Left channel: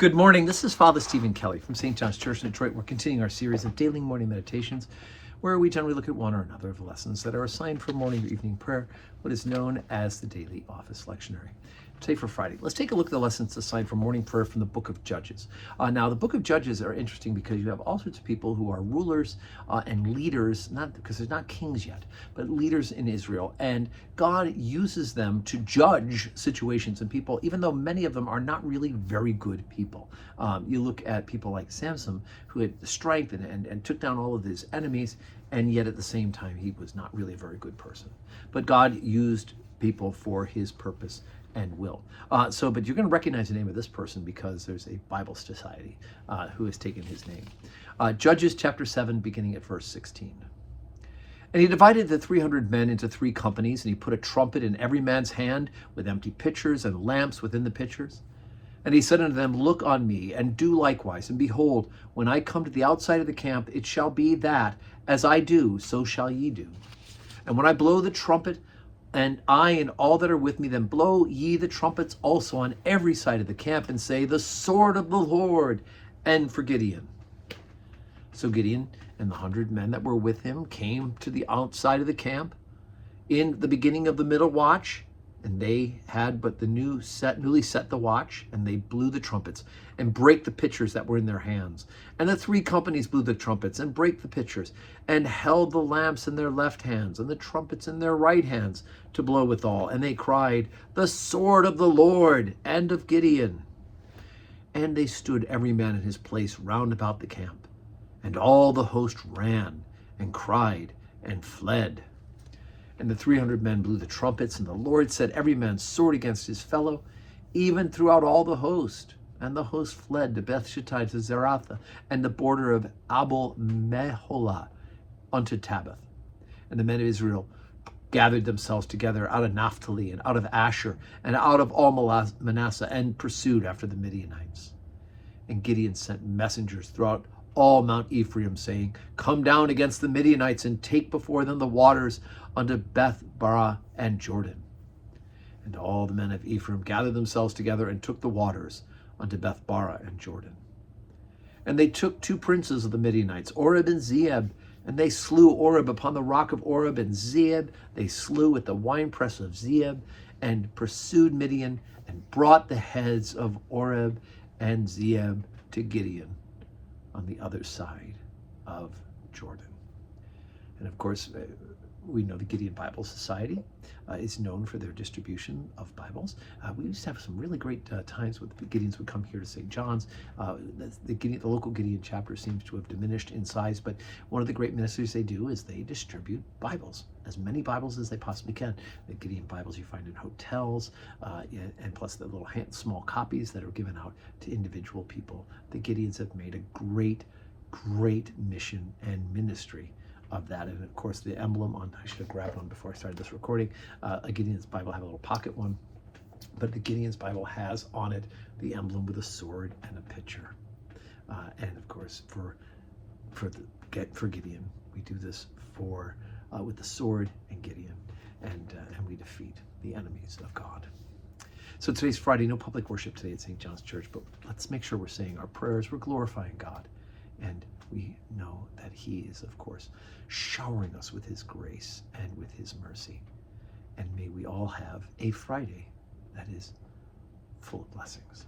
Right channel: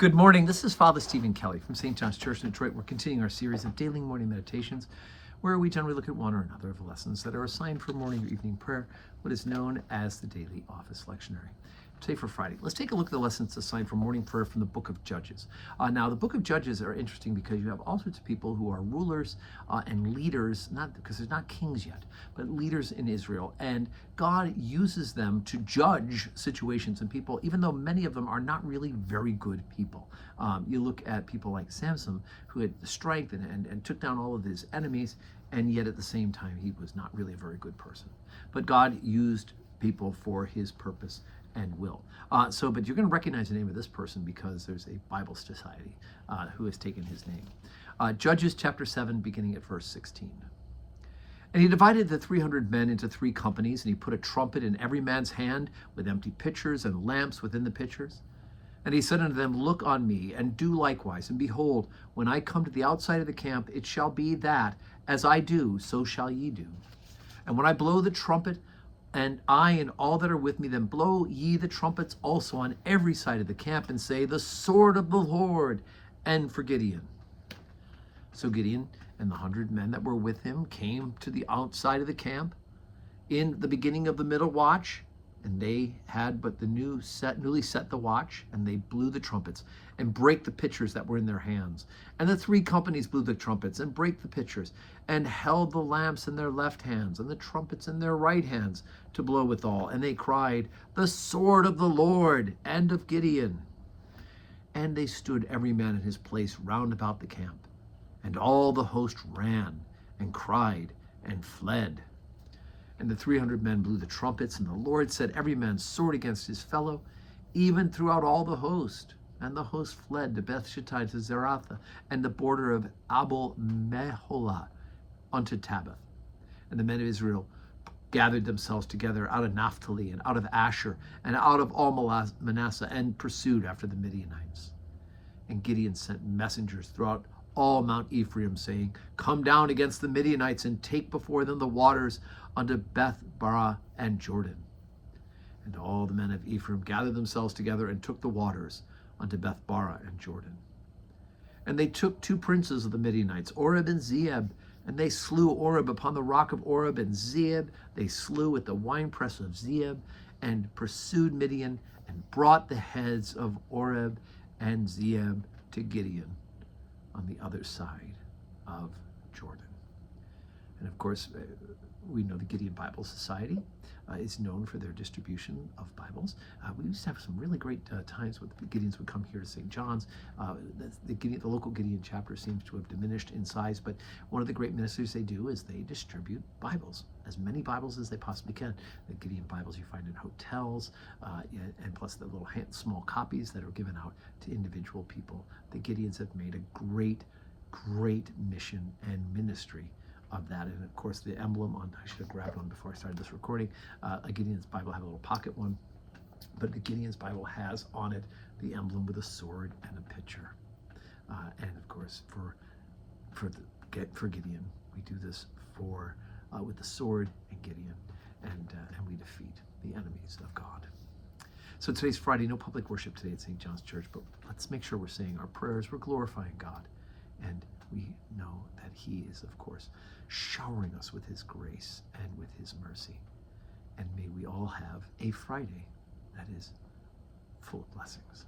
Good morning. This is Father Stephen Kelly from St. John's Church in Detroit. We're continuing our series of daily morning meditations where we generally look at one or another of the lessons that are assigned for morning or evening prayer, what is known as the daily office lectionary. Today for Friday, let's take a look at the lessons assigned for morning prayer from the book of Judges. Now, the book of Judges are interesting because you have all sorts of people who are rulers and leaders, not because there's not kings yet, but leaders in Israel. And God uses them to judge situations and people, even though many of them are not really very good people. You look at people like Samson, who had the strength and took down all of his enemies, and yet at the same time, he was not really a very good person. But God used people for his purpose and will. But you're going to recognize the name of this person because there's a Bible Society who has taken his name. Judges chapter 7, beginning at verse 16. And he divided the 300 men into 3 companies, and he put a trumpet in every man's hand with empty pitchers and lamps within the pitchers. And he said unto them, Look on me, and do likewise. And behold, when I come to the outside of the camp, it shall be that, as I do, so shall ye do. And when I blow the trumpet, and I and all that are with me, then blow ye the trumpets also on every side of the camp, and say, The sword of the Lord, and for Gideon. So Gideon and the 100 men that were with him came to the outside of the camp in the beginning of the middle watch, and they had but the newly set the watch, and they blew the trumpets and brake the pitchers that were in their hands. And the 3 companies blew the trumpets and brake the pitchers, and held the lamps in their left hands and the trumpets in their right hands to blow withal. And they cried, The sword of the Lord and of Gideon. And they stood every man in his place round about the camp. And all the host ran and cried and fled. And the 300 men blew the trumpets, and the Lord set every man's sword against his fellow, even throughout all the host. And the host fled to Beth-Shittah, to Zaratha, and the border of Abel-Meholah unto Tabbath. And the men of Israel gathered themselves together out of Naphtali, and out of Asher, and out of all Manasseh, and pursued after the Midianites. And Gideon sent messengers throughout all Mount Ephraim, saying, Come down against the Midianites, and take before them the waters unto Beth-barah and Jordan. And all the men of Ephraim gathered themselves together, and took the waters unto Beth-barah and Jordan. And they took 2 princes of the Midianites, Oreb and Zeeb, and they slew Oreb upon the rock of Oreb, and Zeeb they slew at the winepress of Zeeb, and pursued Midian, and brought the heads of Oreb and Zeeb to Gideon on the other side of Jordan. And of course, we know the Gideon Bible Society is known for their distribution of Bibles. We used to have some really great times with the Gideons would come here to St. John's. The local Gideon chapter seems to have diminished in size, but one of the great ministries they do is they distribute Bibles, as many Bibles as they possibly can. The Gideon Bibles you find in hotels, and plus the little small copies that are given out to individual people. The Gideons have made a great mission and ministry of that. And of course the emblem on, I should have grabbed one before I started this recording. A Gideon's Bible had a little pocket one, but the Gideon's Bible has on it the emblem with a sword and a pitcher. And of course for Gideon, we do this with the sword and Gideon, and we defeat the enemies of God. So today's Friday, no public worship today at St. John's Church, but let's make sure we're saying our prayers, we're glorifying God, and we know that he is, of course, showering us with his grace and with his mercy. And may we all have a Friday that is full of blessings.